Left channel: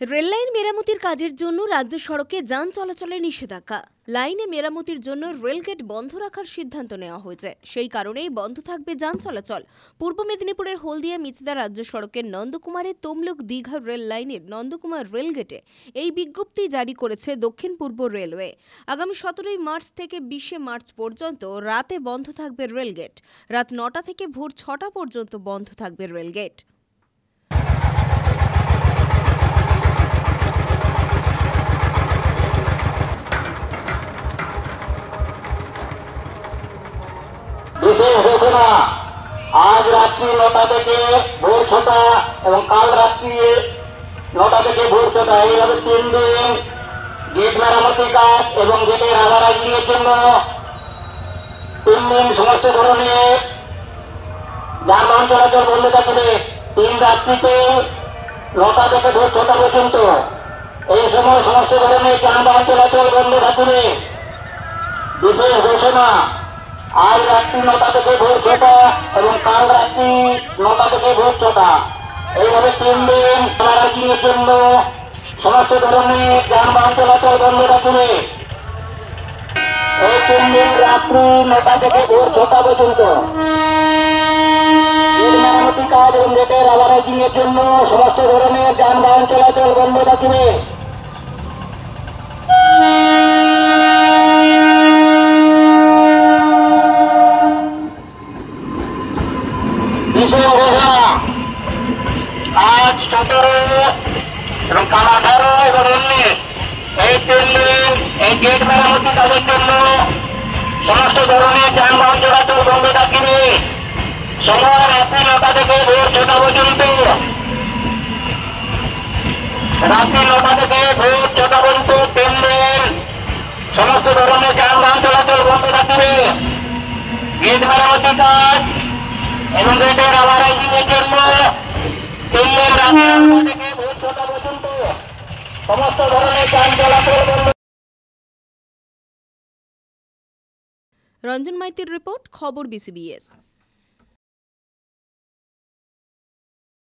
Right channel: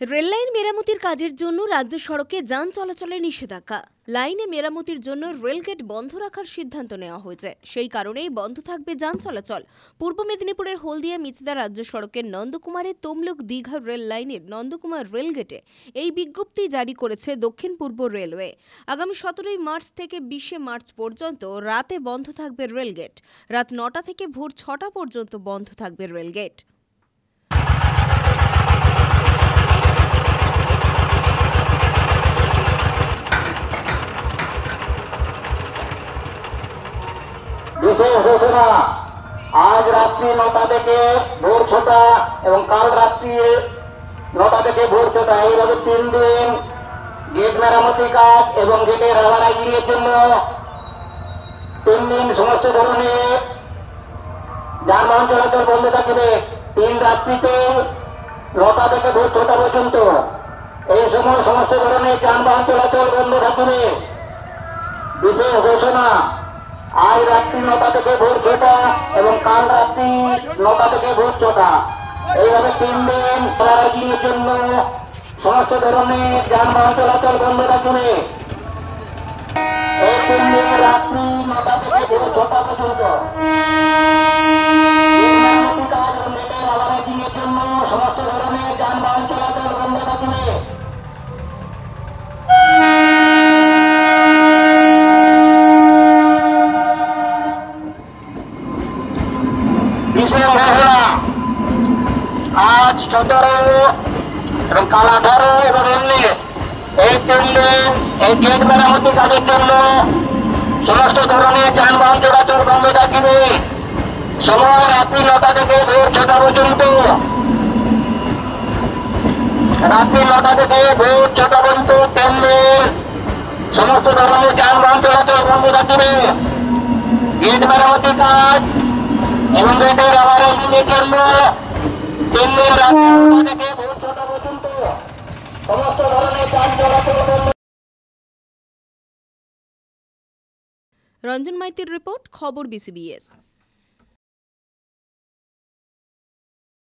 Rail line মেরামতির কাজের জন্য রাজ্য সড়কে যান চলাচলে নিষেধাজ্ঞা। লাইনে মেরামতির জন্য রেলগেট বন্ধ রাখার সিদ্ধান্ত নেওয়া হয়েছে। সেই কারণেই বন্ধ থাকবে যান চলাচল। পূর্ব মেদিনীপুরের হলদিয়া মিচদা রাজ্য সড়কের নন্দকুমারের তমলুক দীঘা রেল লাইনের নন্দকুমার রেলগেটে এই বিজ্ঞপ্তি জারি করেছে দক্ষিণ পূর্ব রেলওয়ে। আগামী 17 মার্চ থেকে 20 মার্চ পর্যন্ত রাতে বন্ধ থাকবে রেলগেট। রাত 9টা থেকে ভোর 6টা পর্যন্ত বন্ধ থাকবে রেলগেট। বিশেষ ঘোষণা, আজ রাত্রি 9টা থেকে ভোর 6টা এবং কাল রাত্রি 9টা থেকে ভোর 6টা, এইভাবে 3 দিন গেট মেরামতি কাজ এবং গেটের রাবারাইজিং এর জন্য 3 দিন সমস্ত ধরনের যানবাহন চলাচল বন্ধ থাকবে। 3 রাত্রিতে 9টা থেকে ভোর 6টা পর্যন্ত এই সময় সমস্ত ধরনের যানবাহন চলাচল বন্ধ থাকবে। বিশেষ ঘোষণা, আজ রাত্রি 9টা থেকে ভোর 6টা এবং কাল রাত্রি 9টা থেকে ভোর 6টা, এইভাবে 3 দিন রাবারাইজিং এর জন্য সমস্ত ধরনের যানবাহন চলাচল বন্ধ থাকবে। এই 3 দিন রাত্রি 9টা থেকে ভোর 6টা পর্যন্ত মেরামতি কাজ এবং গেটের রাবারাইজিং এর জন্য সমস্ত ধরনের যানবাহন চলাচল বন্ধ থাকবে। আজ 17 এবং কাল 18 এবং 19 এই 3 দিন এই গেট মেরামতি কাজের জন্য সমস্ত ধরনের যানবাহন চলাচল বন্ধ থাকবে। সময় রাত্রি 9টা থেকে ভোর 6টা পর্যন্ত। রাত্রি 9টা থেকে ভোর 6টা পর্যন্ত 3 দিন সমস্ত ধরনের যানবাহন চলাচল বন্ধ থাকবে। গেট মেরামতি কাজ এবং গেটের রাবারাইজিং এর জন্য 3 দিন রাত্রি 9টা থেকে ভোর 6টা পর্যন্ত সমস্ত ধরনের যান চলাচল বন্ধ। রঞ্জন মাইতির রিপোর্ট, খবর BCBS।